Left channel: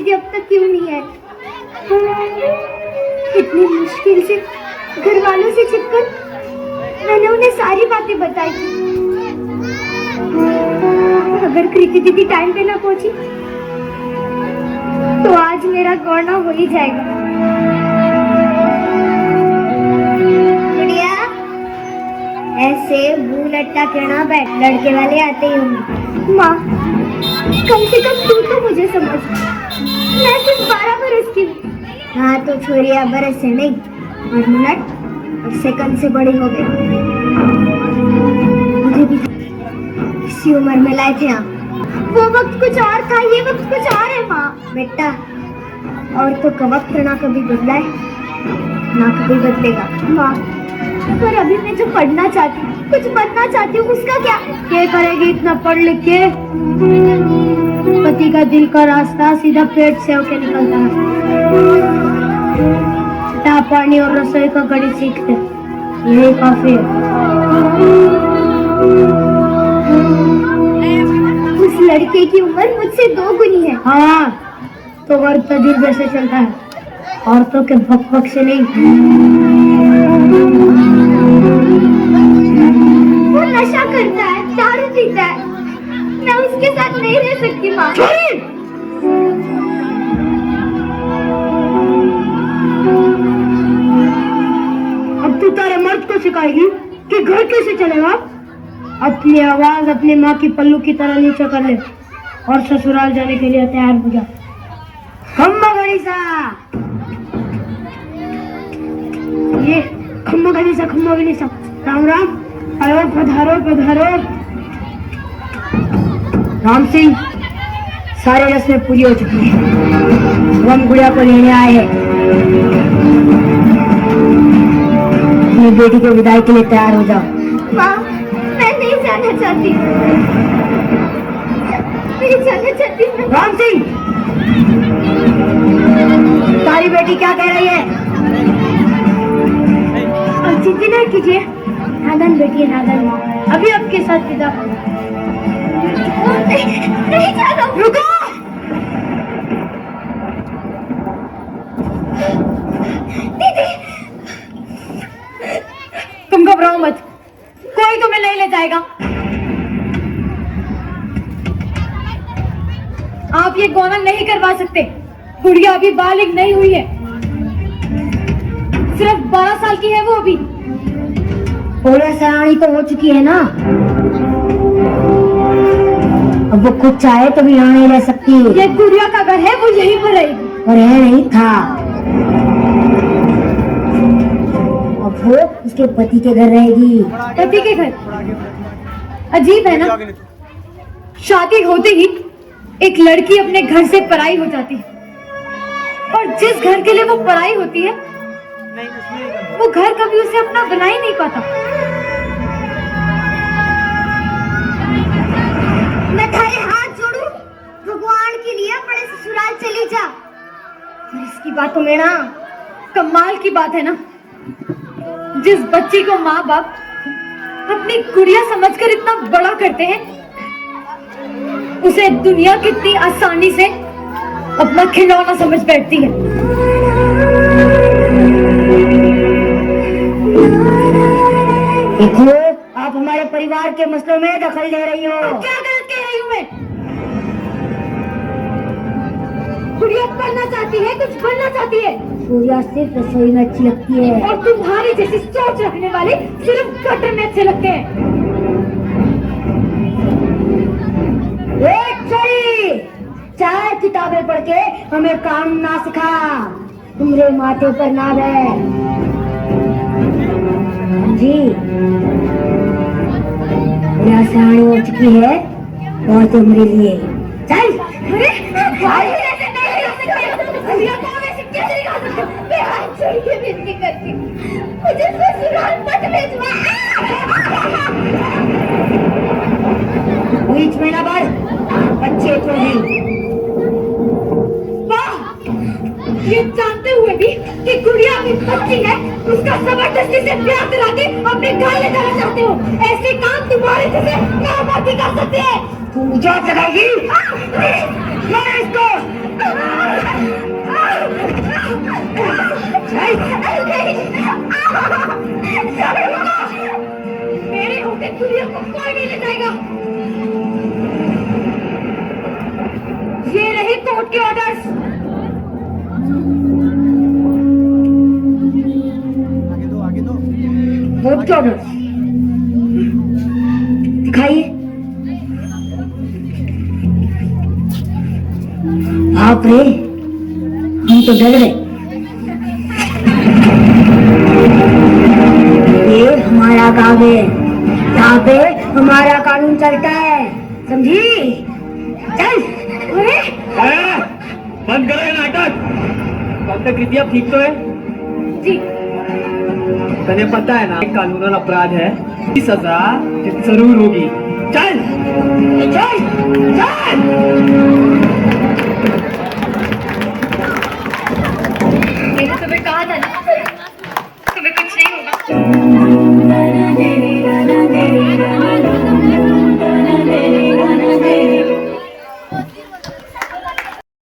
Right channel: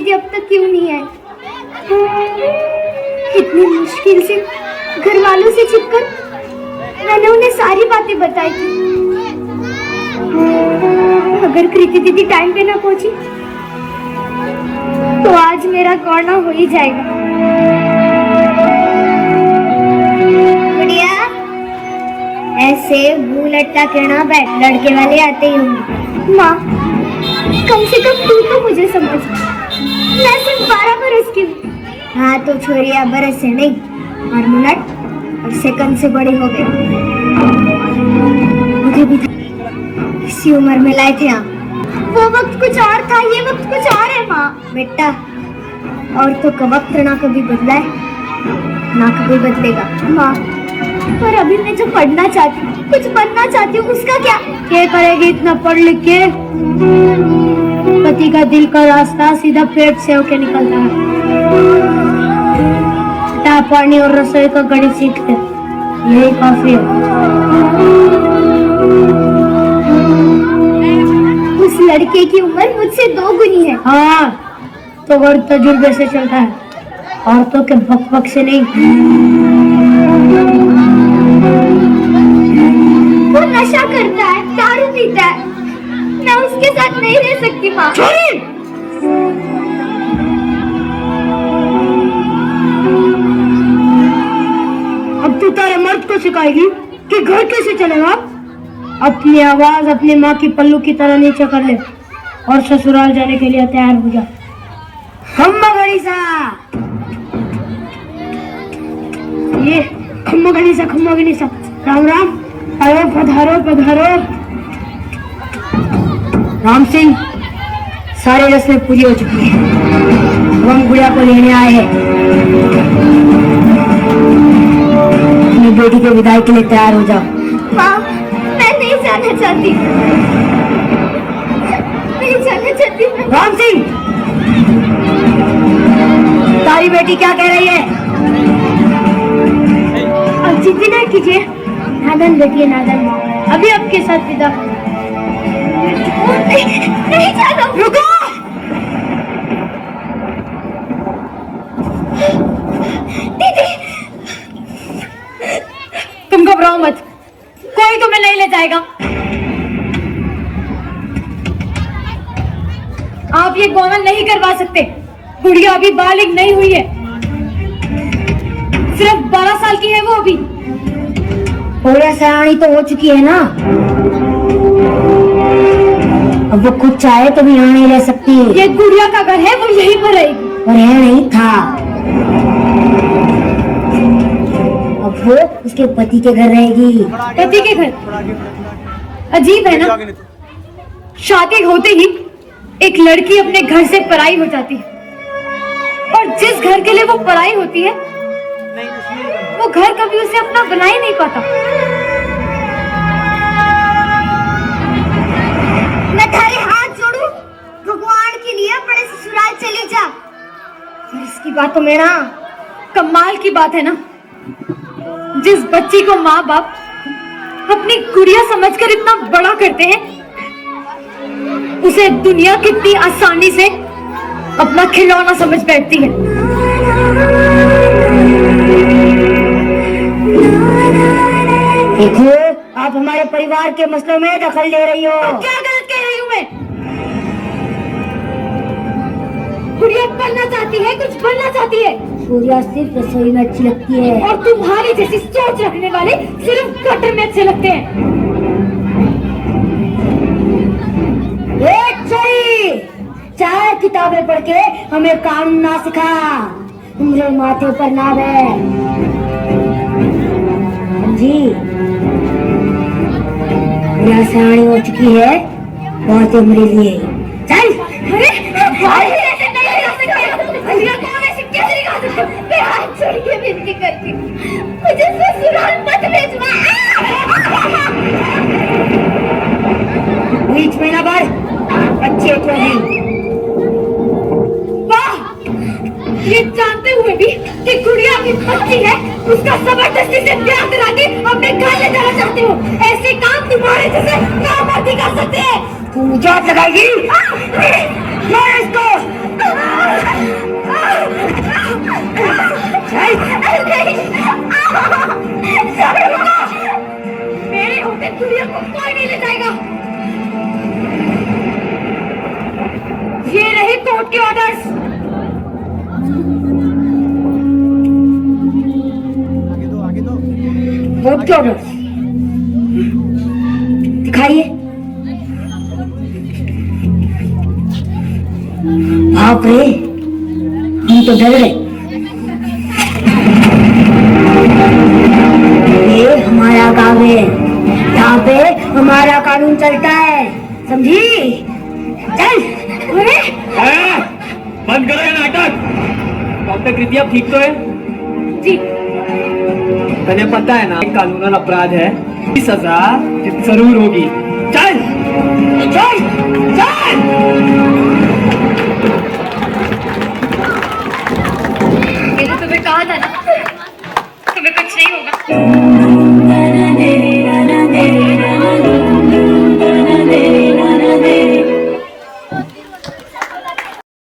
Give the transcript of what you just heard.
दीदी अब तक क्यों नहीं आई? कितनी मुश्किल से घर वालों से छिपकर मैंने उन्हें सारी बातें बताई थी। अगर कृति दीदी टाइम पे ना पहुंची तो आज मेरा गौना हो ही जाएगा। बढ़िया, ऐसे मुंह लटका के ना बैठ, लड़के वाले आते ही होंगे। माँ, कम से कम तू तो मुझे समझ, मैं सिर्फ 12 बरस की हूँ। हाँ तो छोरिया बरस से नहीं और मिनट और सेकंड से बड़ी हो गई। मुझे भी इसी उम्र में लाए थे आप। वो वक्त कुछ और था, ये वक्त कुछ और है माँ। बेटा, और तो का वक्त ना कभी बदला है ना कभी बदलेगा माँ। पर अभी मैं जो पढ़ना चाहती हूँ, कुछ बनना चाहती हूँ, उसका क्या करेगी इतना पढ़ लिख के? पति का दिल का रास्ता सीधा पेट से होके निकलता है। पानी और रसोई का गणित सीखते, यही काफी है। उस लड़के की उम्र मुझसे 2 गुनी है। हाँ तो और तजुर्बे से चलता है, औरतों के भक से नहीं। वो नशा करता है, दारू पीता है, मैं उसके साथ नहीं रह सकती माँ। अब तू तारे मर्द को सिखाएगी कि घर कैसे चलेगा? अपनी आवाज अपनी माँ की पल्लू की तरह नीचे कर ले और ससुराल जाने के लिए तैयार हो जा। खम्मा गणिसा, ये खम्मा गणिसा, राम राम, अरे पधारो पधारो। राम सिंह, सारी रस्में पूरी हो चुकी है, हम गुड़िया को लेने आए हैं। अपनी बेटी को विदाई के लिए तैयार हो जाओ। माँ, मैं नहीं जाना चाहती, नहीं जाना चाहती। राम सिंह, तारी बेटी क्या कह रही है? अब जिद्दी ना कीजिए, नादन बेटी नादन, अभी आपके साथ विदा। नहीं जाना, रुको। दीदी, तुम घबराओ मत, कोई तुम्हें नहीं ले जाएगा। आप ये गौना नहीं करवा सकते, गुड़िया अभी बालिग नहीं हुई है, सिर्फ 12 साल की है वो अभी। थोड़ा सयानी तो हो चुकी है ना, अब वो खुद चाहे तो भी यहाँ नहीं रह सकती। ये गुड़िया का घर है, वो यहीं पर रहेगी। और यह नहीं था, अब वो उसके पति के घर रहेगी। पति के घर? अजीब है ना, शादी होते ही एक लड़की अपने घर से पराई हो जाती है, और जिस घर के लिए वो पराई होती है वो घर कभी उसे अपना बना ही नहीं पाता। मैं तेरे हाथ जोड़ू, भगवान के लिए अपने ससुराल चली जा। और इसकी बात तो मेरा कमाल की बात है ना, जिस बच्ची को माँ बाप अपनी गुड़िया समझकर इतना बड़ा करते हैं, उसे दुनिया कितनी आसानी से अपना खिलौना समझ बैठती है। देखो, आप हमारे परिवार के मसलों में दखल ले रही हो। क्या गलत कह रही हूँ मैं? गुड़िया पढ़ना चाहती है, कुछ बनना चाहती है। गुड़िया सिर्फ रसोई में अच्छी लगती है, और तुम्हारी जैसी सोच रखने वाले सिर्फ गटर में अच्छे लगते हैं। चार किताबें पढ़ के हमें काम ना सिखा, मेरे माथे पर ना बैठ जी। यहाँ सयानी हो चुकी है, बहुत मेरे लिए। चल, मैं हाथ छोड़ के विनती करती हूँ, मुझे ससुराल मत भेजना। बीच में ना बढ़, अच्छे तो नहीं। ये जानते हुए भी कि गुड़िया की बच्ची है, उसका जबरदस्ती से ब्याह करा के अपने घर ले जाना चाहते हो। ऐसे काम तुम्हारे जैसे नामर्दी कर सकते हैं। तू जात लगाएगी? इसको मेरे होते दुनिया को कोई नहीं ले जाएगा। ये रही कोर्ट के ऑर्डर्स। आगे दो कोर्ट के ऑर्डर्स दिखाइए। बाप रे, हम तो डर गए। ये हमारा गाँव है, यहाँ पे हमारा कानून चलता है, समझी? चल बंद करो ये नाटक। डॉक्टर कृति अब ठीक तो है? जी। तने पता है ना कानूनन अपराध है, सजा जरूर होगी। चल चल।